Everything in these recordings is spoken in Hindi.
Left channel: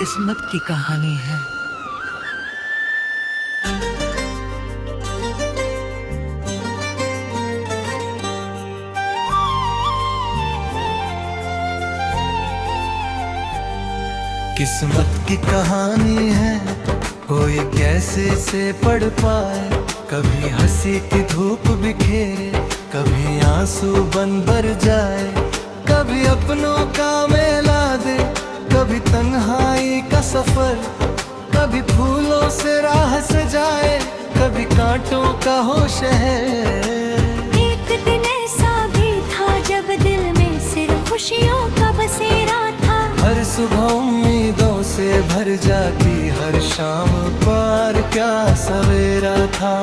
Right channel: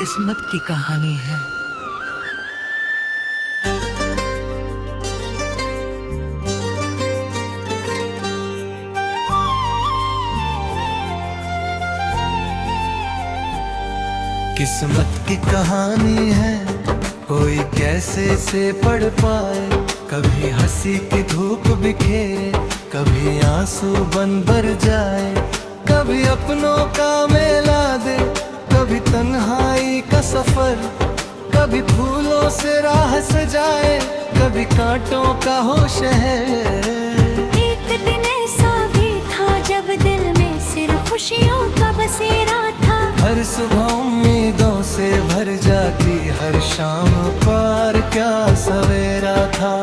किस्मत की कहानी है। किस्मत की कहानी है, कोई कैसे से पढ़ पाए। कभी हंसी की धूप बिखेरे, कभी आंसू बन भर जाए। कभी अपनों का मेला दे, कभी तन्हाई का सफर। कभी फूलों से राह सजाए, कभी कांटों का हो शहर। एक दिन ऐसा भी था जब दिल में सिर्फ खुशियों का बसेरा था। हर सुबह उम्मीदों से भर जाती, हर शाम पार क्या सवेरा था।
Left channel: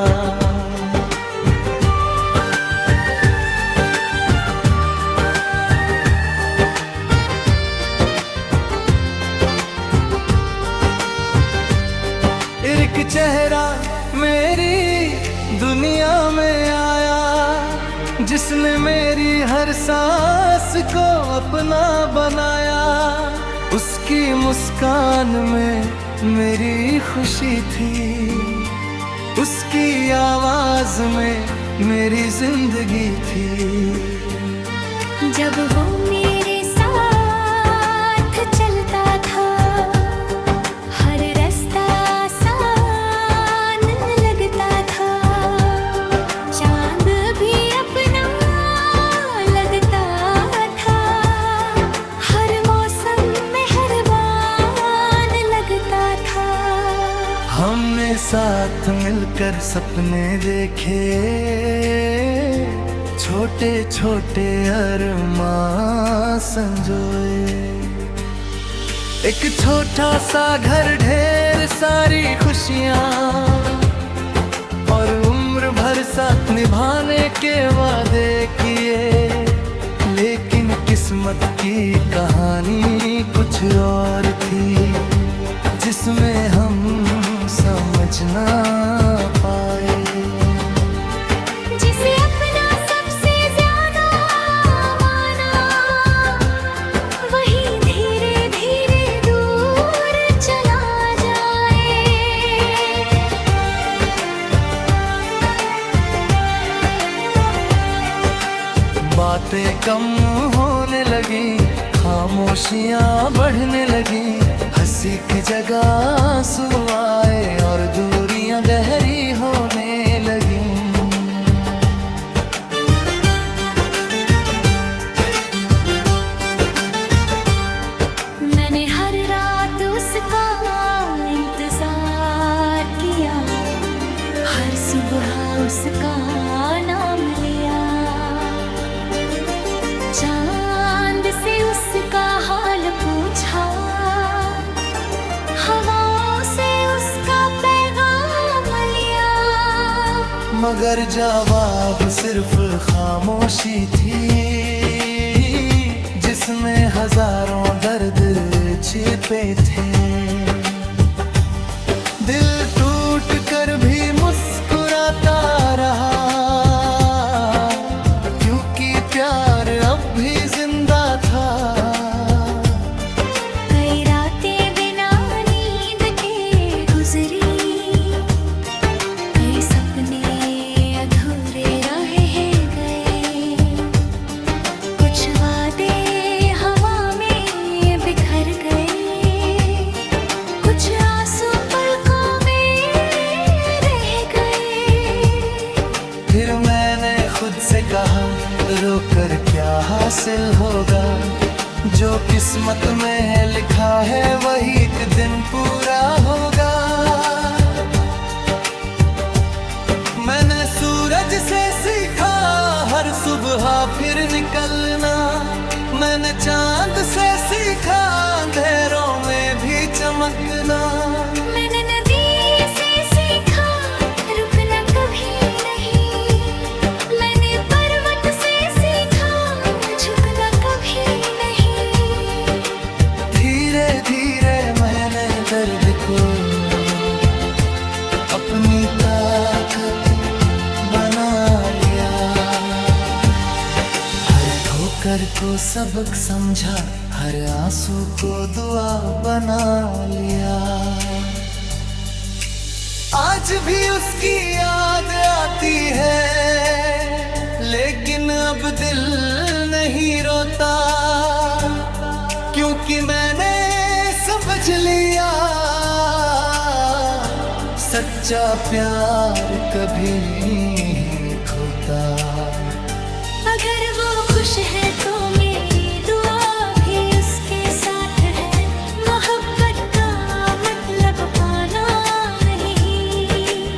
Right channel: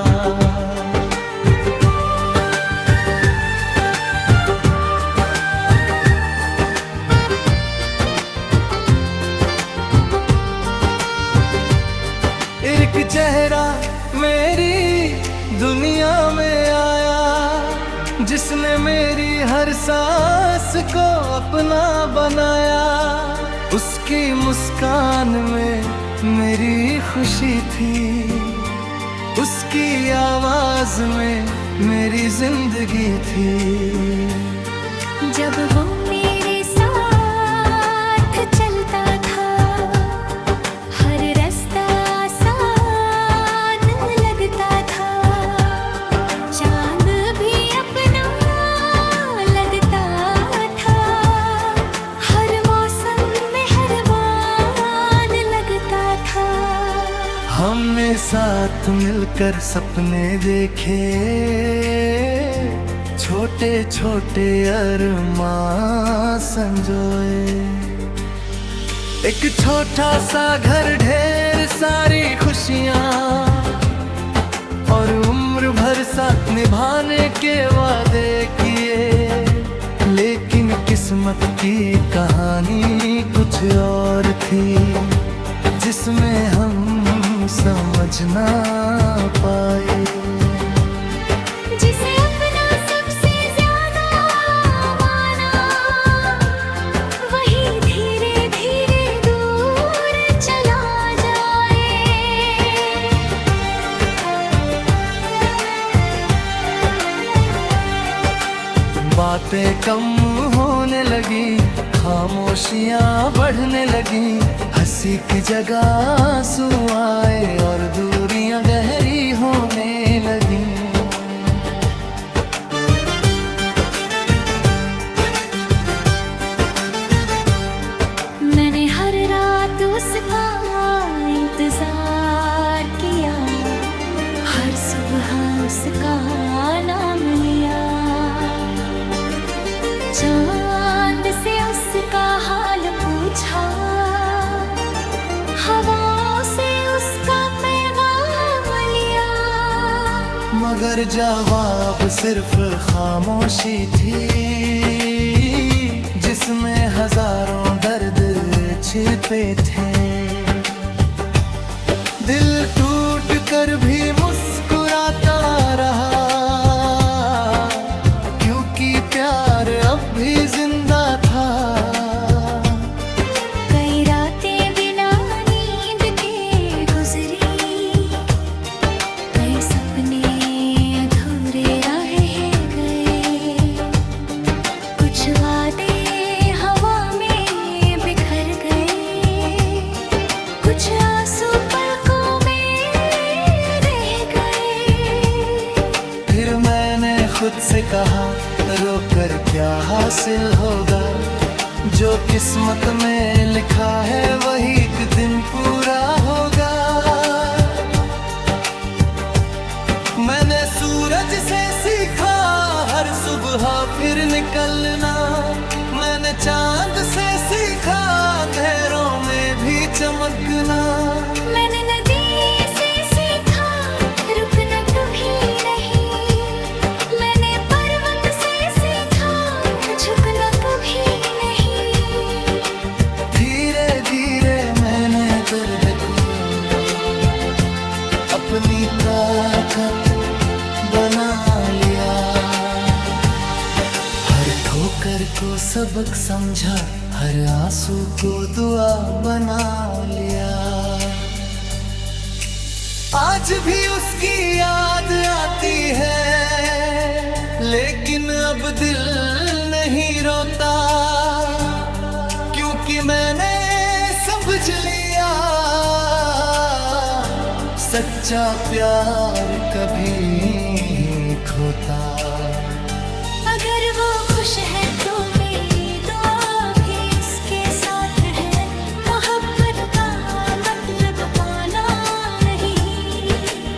एक चेहरा मेरी दुनिया में आया, जिसने मेरी हर सांस को अपना बनाया। उसकी मुस्कान में मेरी खुशी थी, उसकी आवाज में मेरी जिंदगी थी। जब वो मेरे साथ चलता था, हर रास्ता आसान लगता था। चांद भी अपना लगता था, हर मौसम में मेहरबान लगता था। हमने साथ मिलकर सपने देखे, छोटे छोटे अरमां संजोए। एक छोटा सा घर, ढेर सारी खुशियाँ, और उम्र भर साथ निभाने के वादे किए। लेकिन किस्मत की कहानी कुछ और थी, जिसमें हम समझ ना पाए। जिसे अपना सबसे ज्यादा माना, वही धीरे धीरे दूर चला जाए। बातें कम होने लगी, खामोशियां बढ़ने लगी। हंसी की जगह आंसू आए, और दूरियां गहरी होने लगी। मैंने हर रात उसका इंतजार किया, हर सुबह उसका नाम लिया। चांद से उसका हाल पूछा, हवाओं से उसका पैगाम लिया। मगर जवाब सिर्फ खामोशी थी, जिसमें हजारों दर्द छिपे थे। दिल टूट कर भी मुस्कुराता रहा, क्योंकि प्यार अब भी जिंदा था। कई रातें बिना नींद के गुजरी, कई सपने अधूरे रह गए। कुछ वादे हवा में बिखर गए, कुछ आंसू पलकों में रह गए। फिर मैंने खुद से कहा, रोकर क्या हासिल होगा। जो किस्मत में लिखा है वही एक दिन पूरा होगा। मैंने सूरज से सीखा हर सुबह फिर निकलना। मैंने चांद से सीखा अंधेरों में भी चमकना। मैंने नदी से सीखा रुकना कभी नहीं। मैंने पर्वत से सीखा झुकना कभी नहीं। धीरे धीरे मैंने दर्द को अपनी ताकत बना लिया। हर ठोकर को सबक समझा, हर आंसू को दुआ बना लिया। आज भी उसकी याद आती है, लेकिन अब दिल नहीं रोता, क्योंकि मैंने समझ लिया सच्चा प्यार कभी नहीं खोता। अगर वो खुश है तो मेरी दुआ भी उसके साथ है। मोहब्बत का मतलब पाना नहीं,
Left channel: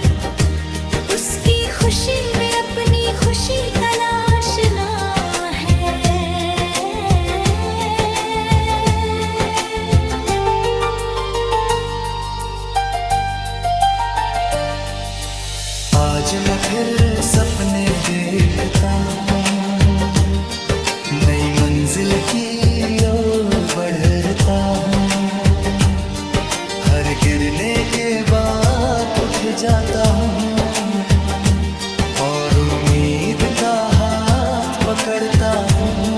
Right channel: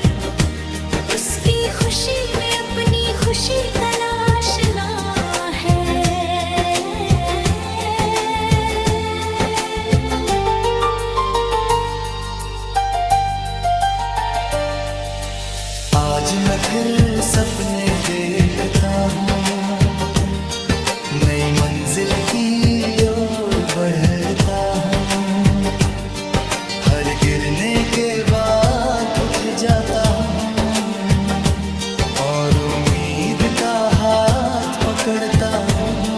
उसकी खुशी में अपनी खुशी तलाशना है। आज मैं फिर सपने देखता हूँ, नई मंजिल की ओर बढ़ता हूँ। हर गिरने के बाद उठ जाता हूँ और उम्मीद का हाथ पकड़ता हूँ।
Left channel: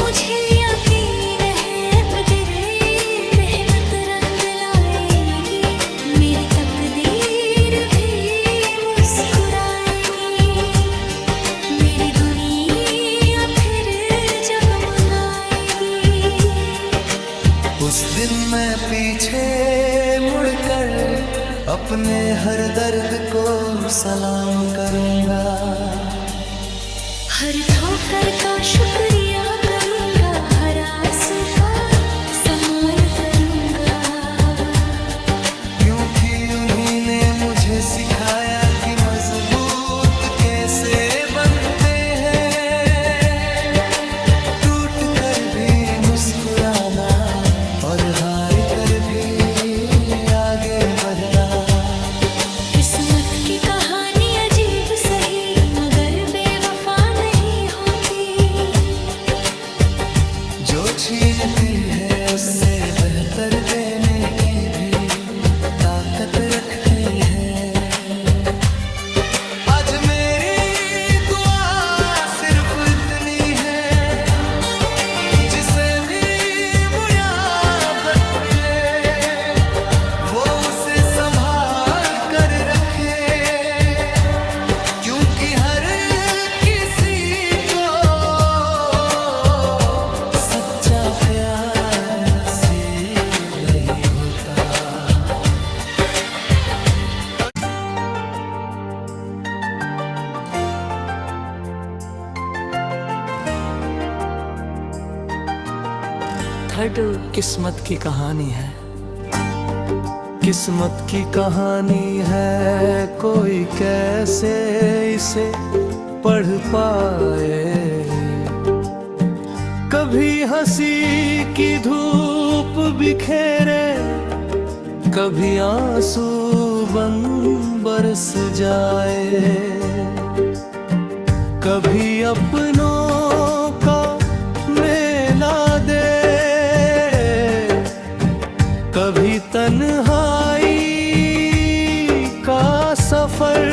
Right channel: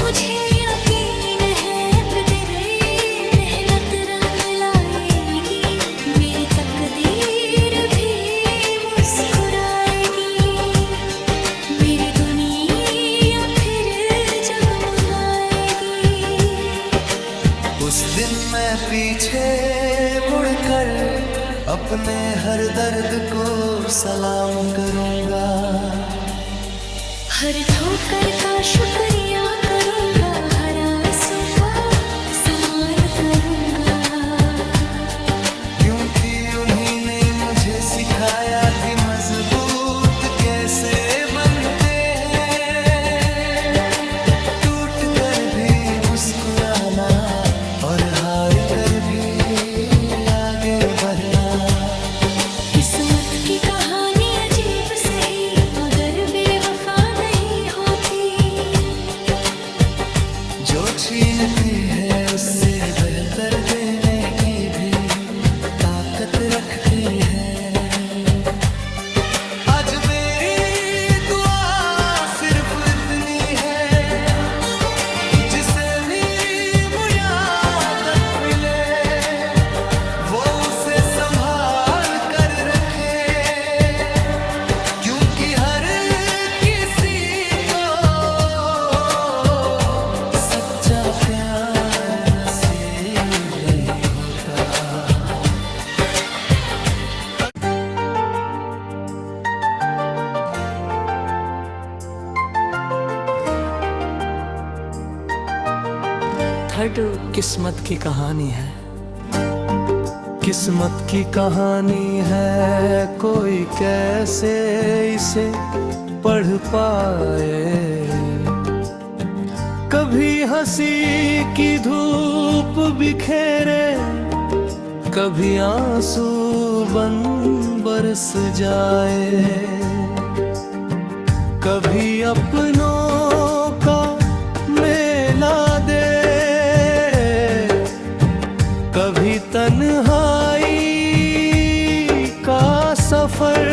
मुझे यकीन है तेरी मेहनत रंग लाएगी, मेरी तकदीर भी मुस्कुराएगी, मेरी दुनिया फिर जगमगाएगी। उस दिन मैं पीछे मुड़कर अपने हर दर्द को सलाम करूंगा। हर ठोकर का शुक्रिया करूंगा, हर आंसू का सम्मान करूंगा, क्योंकि उन्हीं ने मुझे सिखाया कि मजबूत कैसे बनते हैं। टूट कर भी मुस्कुराना और हार कर भी आगे बढ़ना। किस्मत की कहानी अजीब सही मगर बेवफा नहीं होती, जो छीनती है उससे बेहतर देने की भी ताकत रखती है। आज मेरी दुआ सिर्फ इतनी है, जिसे भी मुयाबत मिले वो उसे संभाल कर रखे, क्योंकि हर किसी को सच्चा प्यार नसीब नहीं होता। थर्ड किस्मत की कहानी है। किस्मत की कहानी है, कोई कैसे इसे पढ़ पाए। कभी हंसी की धूप बिखेरे, कभी आंसू बन बरस जाए, कभी अपनों का मेला दे, कभी तन्हाई का सफर,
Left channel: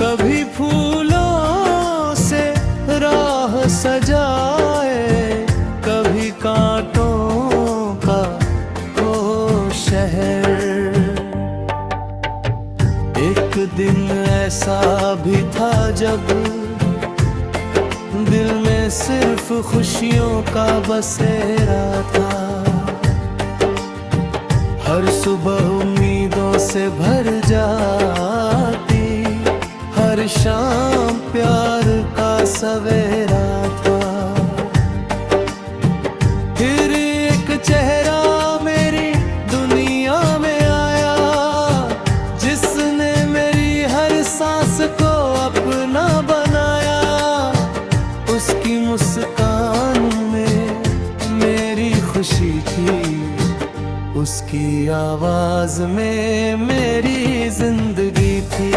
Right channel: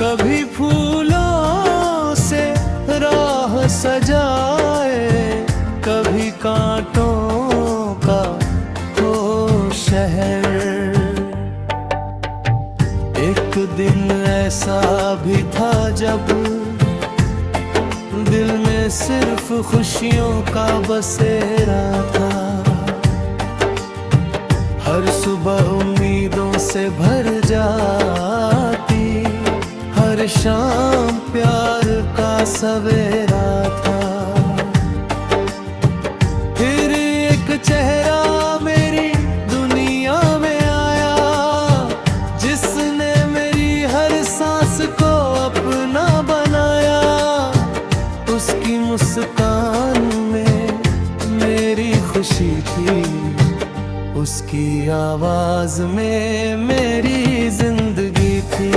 कभी फूलों से राह सजाए, कभी कांटों का हो शहर। एक दिन ऐसा भी था जब दिल में सिर्फ खुशियों का बसेरा था। हर सुबह उम्मीदों से भर जाती, हर शाम प्यार का सवेरा था। फिर एक चेहरा मेरी दुनिया में आया, जिसने मेरी हर सांस को अपना बनाया। उसकी मुस्कान में मेरी खुशी थी, उसकी आवाज में मेरी जिंदगी थी।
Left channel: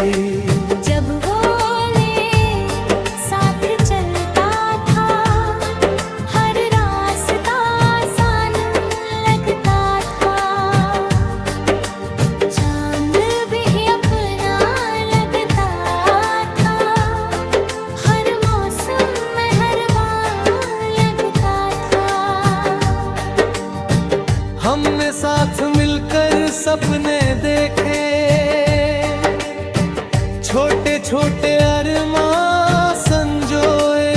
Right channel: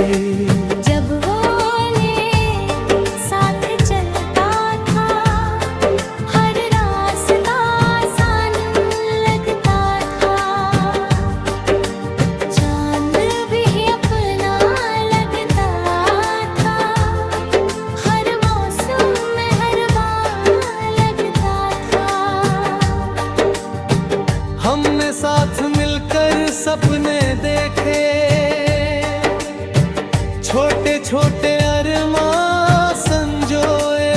जब वो साथ चलता था, हर रास्ता आसान लगता था। चांद भी अपना लगता था, हर मौसम में हर बार लगता था। सपने देखे, छोटे छोटे अरमां संजोए,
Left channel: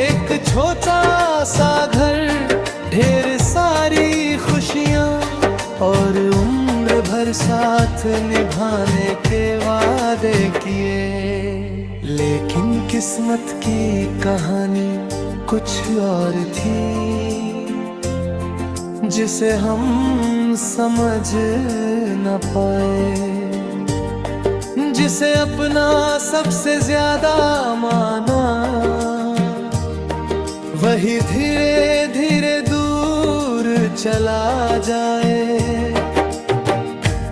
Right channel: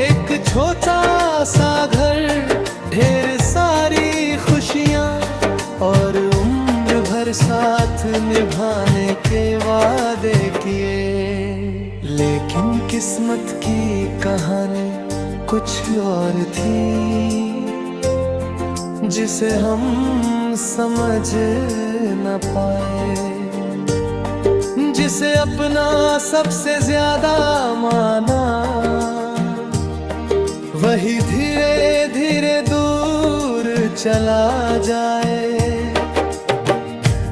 एक छोटा सा घर, ढेर सारी खुशियाँ और उम्र भर साथ निभाने के वादे किए। लेकिन किस्मत की कहानी कुछ और थी, जिसे हम समझ न पाए, जिसे अपना सबसे ज्यादा माना, वही धीरे धीरे दूर चला जाए।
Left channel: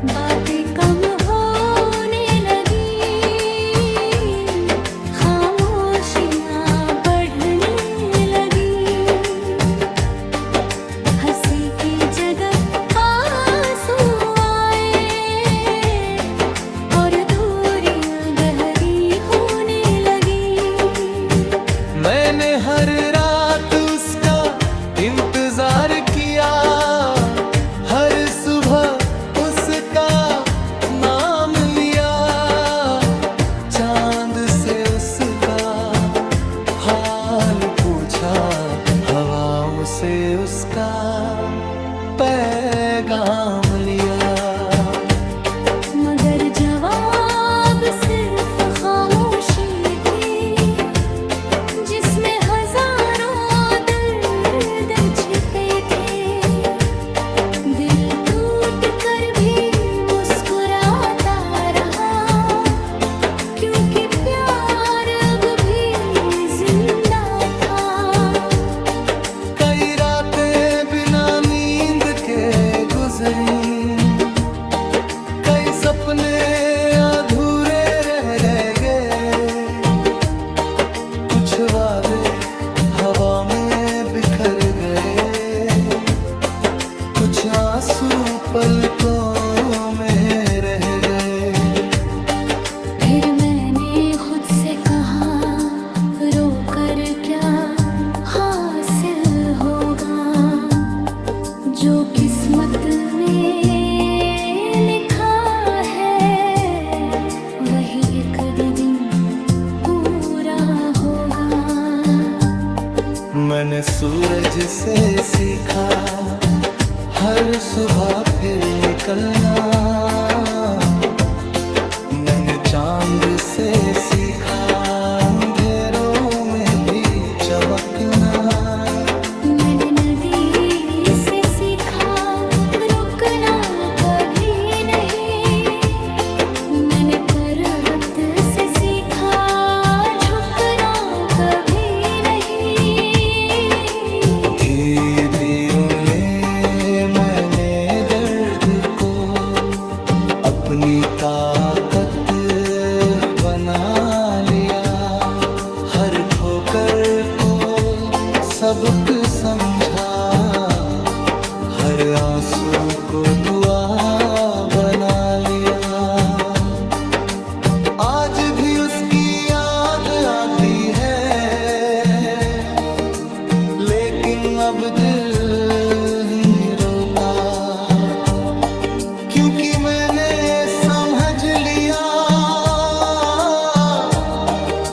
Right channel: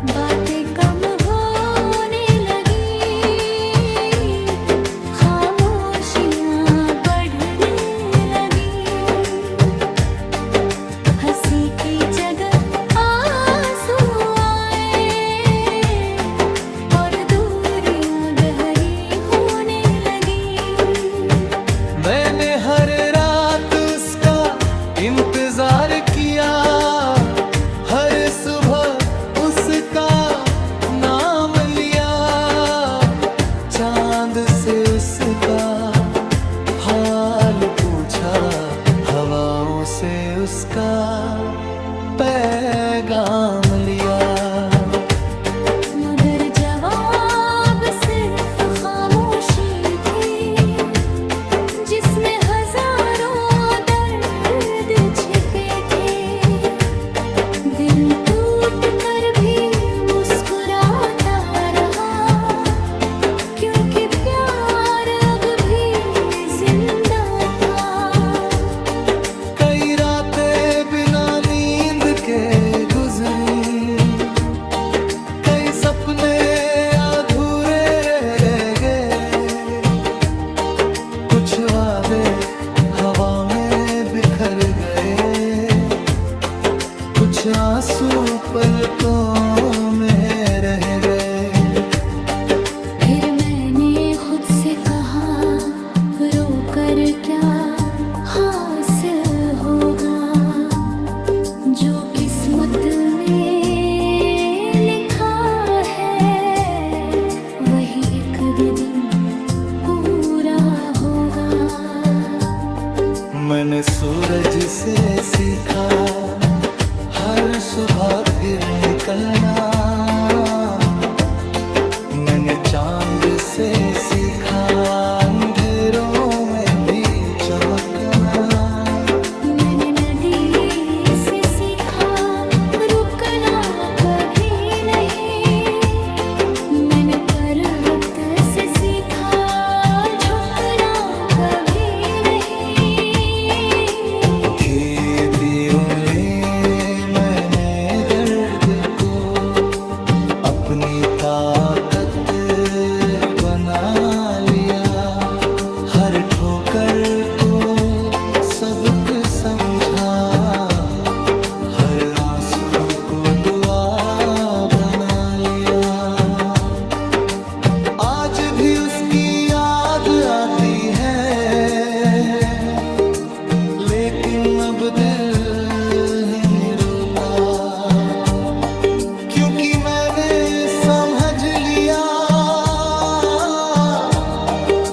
बातें कम होने लगी, खामोशियां बढ़ने लगी, हंसी की जगह आंसू आए और दूरियां गहरी होने लगी। मैंने हर रात उसका इंतजार किया, हर सुबह उसका नाम लिया, चांद से उसका हाल पूछा, हवाओं से उसका पैगाम लिया। मगर जवाब सिर्फ खामोशी थी, जिसमें हजारों दर्द छिपे थे। दिल टूट कर भी मुस्कुराता रहा, क्योंकि प्यार अब भी जिंदा था। कई रातें बिना नींद के गुजरी, कई सपने अधूरे रह गए, कुछ वादे हवा में बिखर गए, कुछ आंसू पलकों में रह गए। फिर मैंने खुद से कहा, रो कर क्या हासिल होगा, जो किस्मत में लिखा है वही एक दिन पूरा होगा। मैंने सूरज से सीखा हर सुबह फिर निकलना, मैंने चांद से सीखा अंधेरों में भी चमकना। मैंने नदी से सीखा रुकना कभी नहीं, मैंने पर्वत से सीखा झुकना कभी नहीं। धीरे मैंने दर्द को अपनी ताकत बना लिया, हर ठोकर को सबक समझा, हर आंसू को दुआ बना लिया। आज भी उसकी याद आती है, लेकिन अब दिल ही रोता, क्योंकि मैंने समझ लिया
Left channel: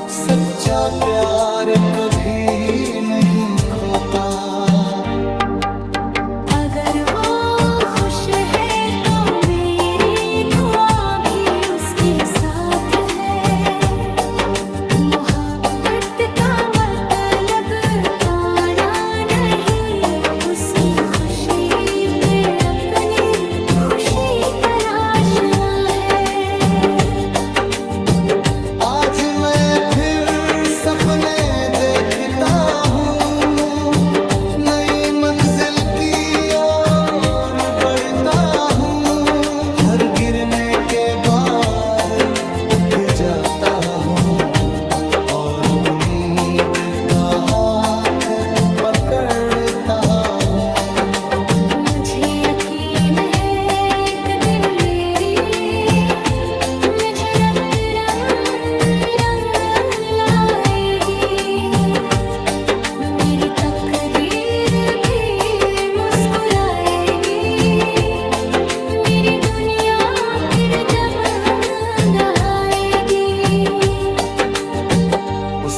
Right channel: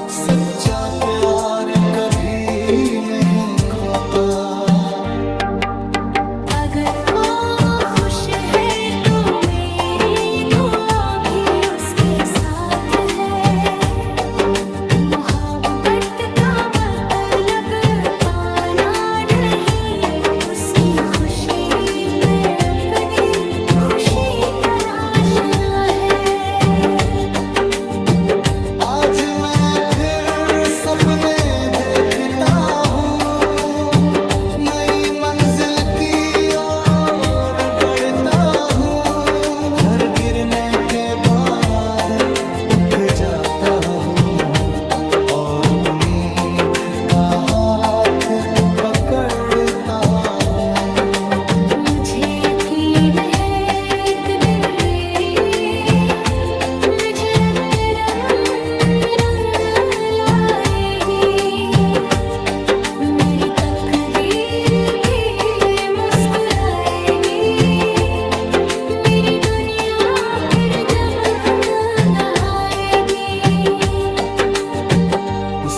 सच्चा प्यार कभी नहीं खोता। अगर वो खुश है तो मेरी दुआ भी उसके साथ है। मोहब्बत का मतलब पाना नहीं, उसकी खुशी पे अपनी खुशी तलाशना है। आज मैं फिर सपने देखता हूँ, नई मंजिल की ओर बढ़ता हूँ, हर गिरने के बाद उठ जाता हूँ और उम्मीद का हाथ पकड़ता हूँ। मुझे यकीन है एक दिन मेरी मुझरत रंग लाएगी, मेरी तकदीर भी मुस्कुराएगी,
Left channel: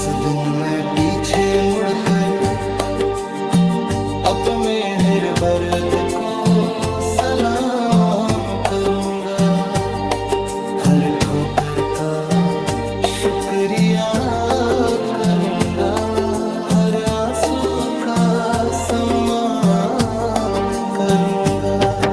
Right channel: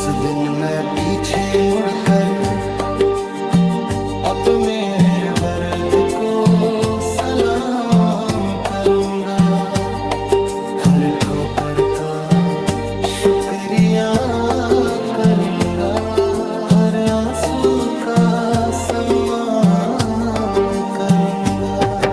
उस दिन मैं पीछे मुड़कर अपने बर्द को सलाम करूंगा। हर ठोकर का शुक्रिया करूंगा, हर आंसू का सम्मान करूंगा।